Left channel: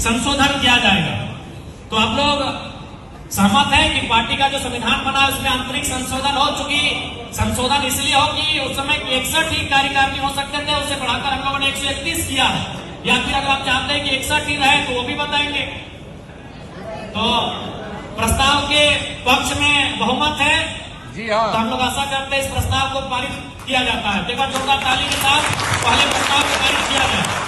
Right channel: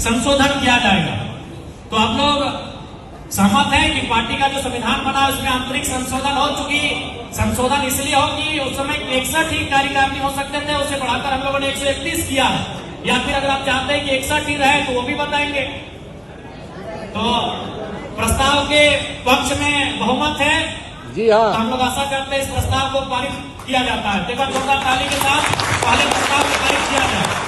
संशोधन किया जाएगा। तो आप लोग सहमत है कि पार्टी का जो संविधान बना है उसमें आंतरिक संशोधन हो चुकी। संशोधन इसलिए हो कि उस समय 61 ही कार्यकारिणी हो सकते थे, उसे बढ़ाकर हम लोगों ने 131 किया है। या फिर अगर आप चाहते हैं कि 61 ही रहे तो वो भी बताएंगे। तो प्रस्ताव के पक्ष में बहुमत है जी हाँ। तो हम लोग आशा करते हैं इस प्रस्ताव को पारित किया जाता है। देखा जोरदार ताली के साथ पहले प्रस्ताव को पारित किया जाए।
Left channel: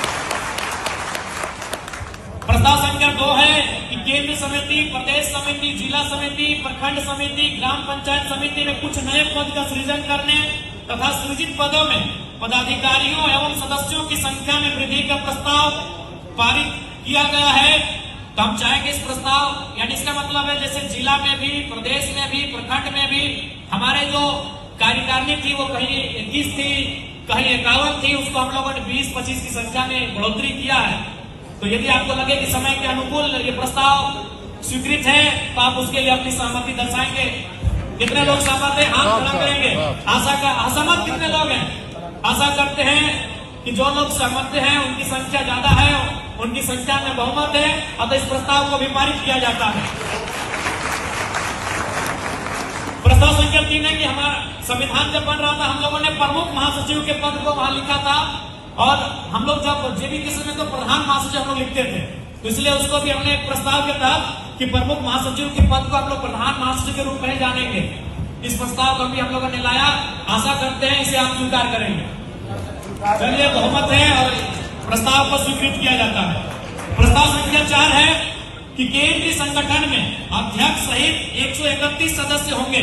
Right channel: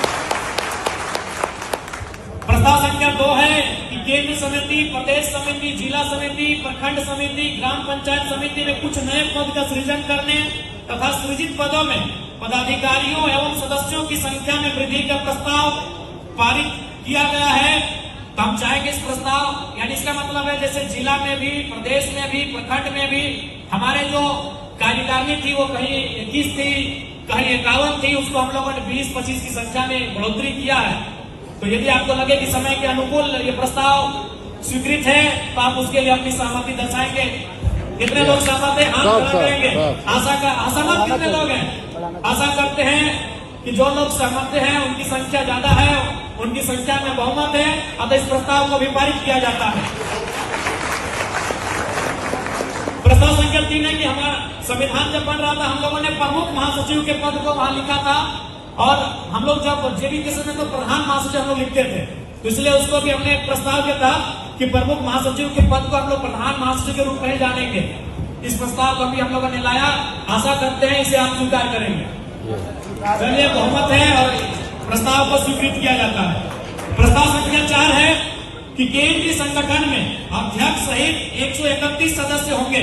प्रस्ताव संख्या 2 है कि केंद्र समिति, प्रदेश समिति, जिला समिति, प्रखंड समिति, ग्राम पंचायत समिति में कुछ नए पद का सृजन करने तथा सृजित पदों में पदाधिकारियों एवं सदस्यों की संख्या में वृद्धि का प्रस्ताव पारित किया गया है। तो हम चाहेंगे इस प्रस्ताव, यानी इसका मतलब है जैसे जिला में भी, प्रदेश में भी, प्रखंड में भी हमारे जो कार्यकारिणी थी वो कहीं 21 थी, कहीं 51 थी, उसको हम लोगों ने 20-25 की संख्या में बढ़ोतरी किया है। तो यदि आपको लगे कि समय के अनुकूल ये प्रस्ताव स्वीकृत है तो आप उसके लिए अपनी सहमति दर्शाएंगे। कितने लोग सहमत है? हाथ खड़ा करेंगे। असहमत कितने लोग हैं? आशा करते हैं कि जो लोग सहमत हैं उनकी संख्या ज्यादा है, उनकी संख्या में बहुमत है, अतः इस प्रस्ताव को भी पारित किया जाता है। प्रस्ताव संख्या 3 है कि हमारा संविधान जब बन रहा था हम लोगों ने प्रमुख महासचिव के पद को वहां लिखा था, और हम लोग जब जेबी के समय तो प्रधान महासचिव हम लोग लिखते थे, तो इसलिए उसको भी हमने एक प्रस्ताव के तहत कि प्रमुख महासचिव के पद को हम लोग प्रधान महासचिव के रूप में जानेंगे। इस प्रस्ताव को भी हम लोगों ने लाया, आशा करते हैं इसे आप स्वीकार करेंगे। चलिए, बहुमत है और प्रस्ताव को स्वीकृत किया जाता है। प्रस्ताव संख्या 4 है कि केंद्रीय संगठन में अध्यक्ष सहित 131 सदस्य होंगे।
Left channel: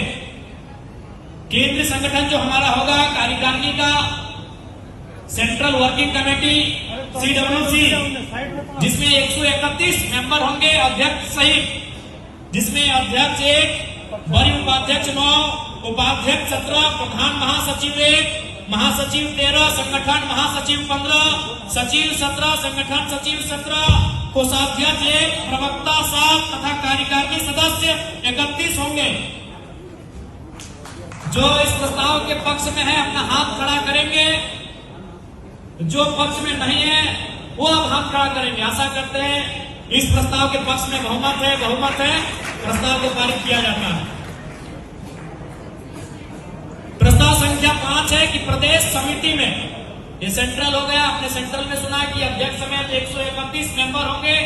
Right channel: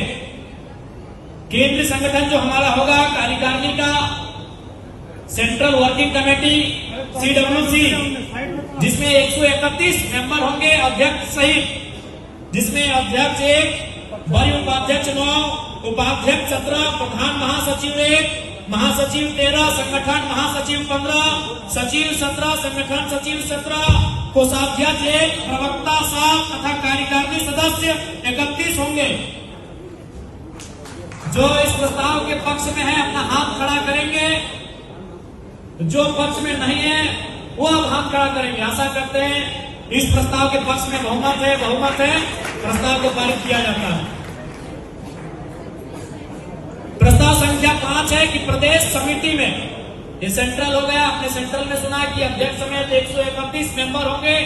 केंद्रीय संगठन जो हमारा होगा कार्यकारिणी का सेंट्रल वर्किंग कमेटी CWC, जिसमें 131 मेंबर होंगे अध्यक्ष सहित, जिसमें अध्यक्ष 1, वरीय उपाध्यक्ष 9, उपाध्यक्ष 17, प्रधान महासचिव 1, महासचिव 13, संगठन महासचिव 15, सचिव 17, संगठन सचिव 17, कोषाध्यक्ष 1, प्रवक्ता 7 तथा कार्यकारिणी सदस्य 31 होंगे। जो इस प्रस्ताव के पक्ष में है अपना हाथ खड़ा करेंगे, जो पक्ष में नहीं है वो अब हाथ खड़ा करेंगे। आशा करते हैं इस प्रस्ताव के पक्ष में बहुमत है, प्रस्ताव को पारित किया जाता है। प्रस्ताव संख्या 5 है कि प्रदेश समिति में, ये सेंट्रल हो गया, आपने सेंट्रल में सुना कि अध्यक्ष समेत 131 मेंबर होंगे।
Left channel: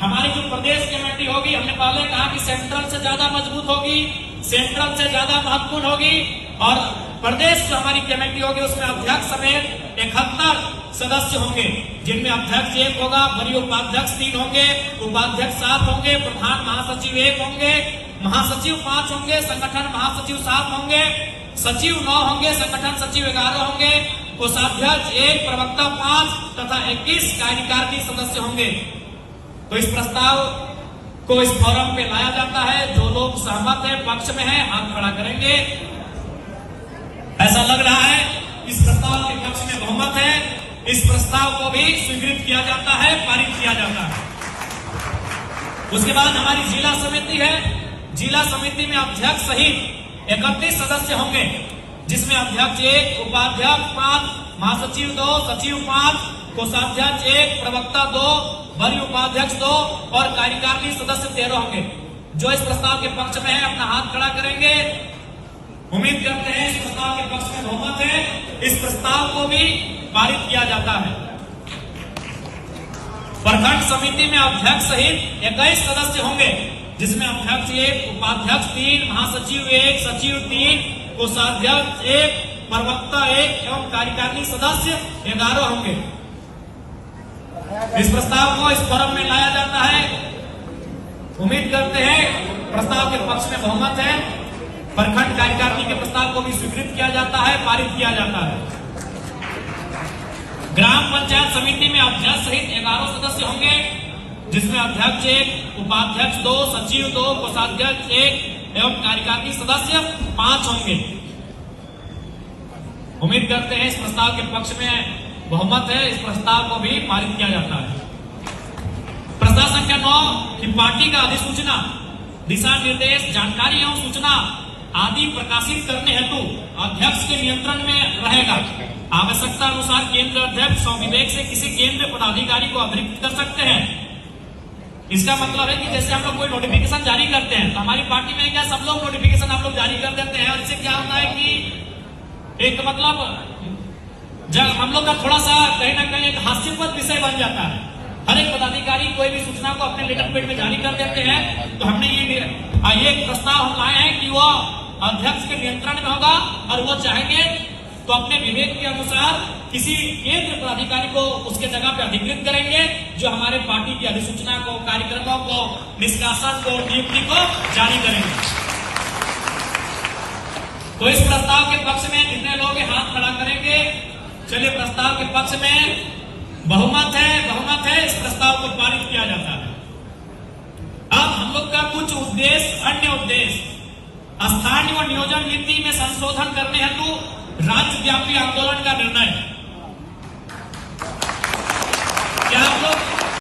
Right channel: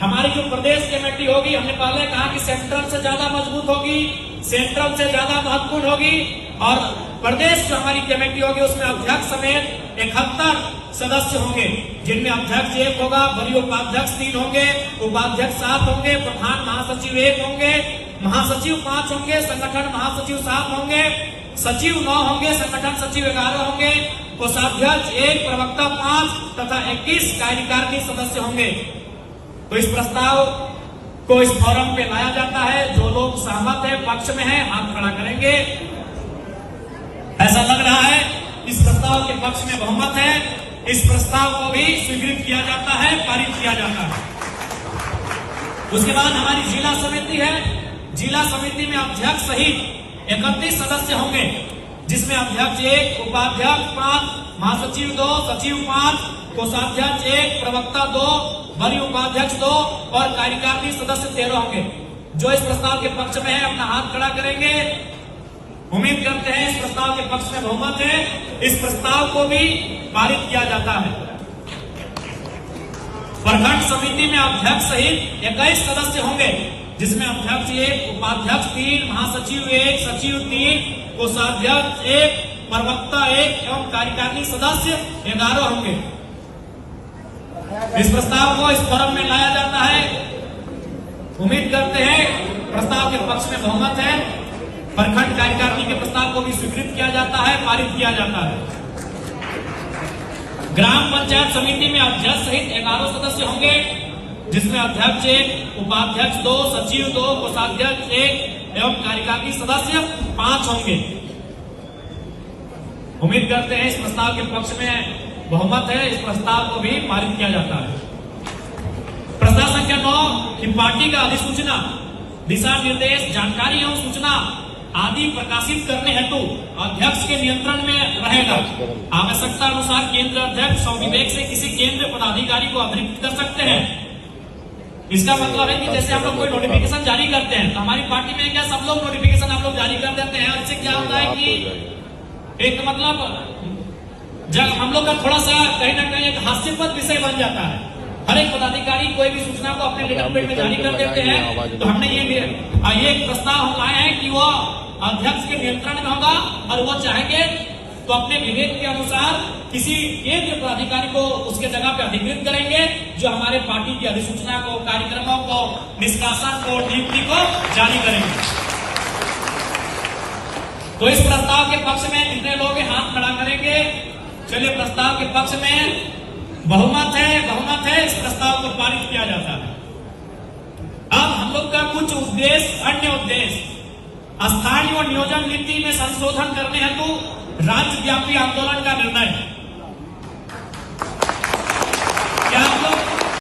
हमारी जो प्रदेश कमेटी होगी, हमने पहले कहा कि सेंट्रल से ज्यादा मजबूत होगी, सेंट्रल से ज्यादा महत्वपूर्ण होगी, और प्रदेश जो हमारी कमेटी होगी उसमें अध्यक्ष समेत 71 सदस्य होंगे, जिनमें अध्यक्ष 1 होगा, वरीय उपाध्यक्ष 3 होंगे, उपाध्यक्ष 7 होंगे, प्रधान महासचिव 1 होंगे, महासचिव 5 होंगे, संगठन महासचिव 7 होंगे, सचिव 9 होंगे, संगठन सचिव 11 होंगे, कोषाध्यक्ष 1, प्रवक्ता 5 तथा 21 कार्यकारिणी सदस्य होंगे। तो इस प्रस्ताव को इस फोरम पे लाया जाता है। जो लोग सहमत है, पक्ष में है, हाथ खड़ा करेंगे। ऐसा लग रहा है इस प्रस्ताव के पक्ष में बहुमत है। इस प्रस्ताव को भी स्वीकृत किया जाता है, पारित किया जाता है। उसके बाद हमारी जिला समिति है। जिला समिति में अध्यक्ष सहित 31 सदस्य होंगे, जिसमें अध्यक्ष 1, उपाध्यक्ष 5, महासचिव 2, सचिव 5, कोषाध्यक्ष 1, प्रवक्ता 2, वरीय उपाध्यक्ष 2 और कार्यकारिणी सदस्य 13 होंगे। जो इस प्रस्ताव के पक्ष में है अपना हाथ खड़ा करेंगे। उम्मीद करते हैं इस प्रस्ताव के पक्ष में बहुमत है, इस प्रस्ताव को भी पारित किया जाता है। प्रखंड समिति में अध्यक्ष सहित 21 सदस्य होंगे, जिसमें अध्यक्ष 1, उपाध्यक्ष 3, महासचिव 1, सचिव 3, कोषाध्यक्ष 1, प्रवक्ता 1 एवं कार्यकारिणी सदस्य 11 होंगे। इस प्रस्ताव को इस फोरम में लाया जाता है। उम्मीद करते हैं प्रस्ताव के पक्ष में बहुमत है। प्रखंड कार्यकारिणी के प्रस्ताव को भी स्वीकृत किया जाता है, पारित किया जाता है। ग्राम पंचायत समिति में अध्यक्ष सहित 11 सदस्य होंगे, जिसमें अध्यक्ष 1, उपाध्यक्ष 2, सचिव 2, कोषाध्यक्ष 1 एवं कार्यकारिणी सदस्य 5 होंगे। उम्मीद करते हैं इस प्रस्ताव के पक्ष में बहुमत है, इस प्रस्ताव को भी पारित किया जाता है। प्रस्ताव संख्या 9 कि पार्टी का अधिसूचना, दिशा निर्देश, जानकारी एवं सूचना आदि प्रकाशित करने हेतु अध्यक्ष के नियंत्रण में रहेगा। आवश्यकता अनुसार केंद्र अध्यक्ष स्वविवेक से किसी केंद्र पदाधिकारी को अतिरिक्त कर सकते हैं। इसका मतलब है कि जैसे हम लोग कोई नोटिफिकेशन जारी करते हैं तो हमारी पार्टी में क्या सब लोग नोटिफिकेशन आप लोग जारी कर देते हैं। इससे क्या होता है कि एक मतलब जब हम लोग का थोड़ा सा कहीं ना कहीं एक हास्यास्पद विषय बन जाता है। हर एक पदाधिकारी कोई भी सूचना को अपने लेटर पेड में जारी कर देते हैं। तो हमने ये प्रस्ताव हम लाए हैं कि वो अध्यक्ष के नियंत्रण में होगा और वो चाहेंगे तो अपने विवेक के अनुसार किसी एक पदाधिकारी को उसके जगह पे अधिकृत करेंगे जो हमारे पार्टी की अधिसूचना को, कार्यक्रमों को, निष्कासन को, नियुक्ति को जारी करेंगे। तो इस प्रस्ताव के पक्ष में कितने लोग हाथ खड़ा करेंगे? चलिए, प्रस्ताव के पक्ष में बहुमत है, इस प्रस्ताव को पारित किया जाता है। अब हम लोग का कुछ उद्देश्य, अन्य उद्देश्य स्थानीय और नियोजन नीति में संशोधन करने हेतु राज्यव्यापी आंदोलन का निर्णय।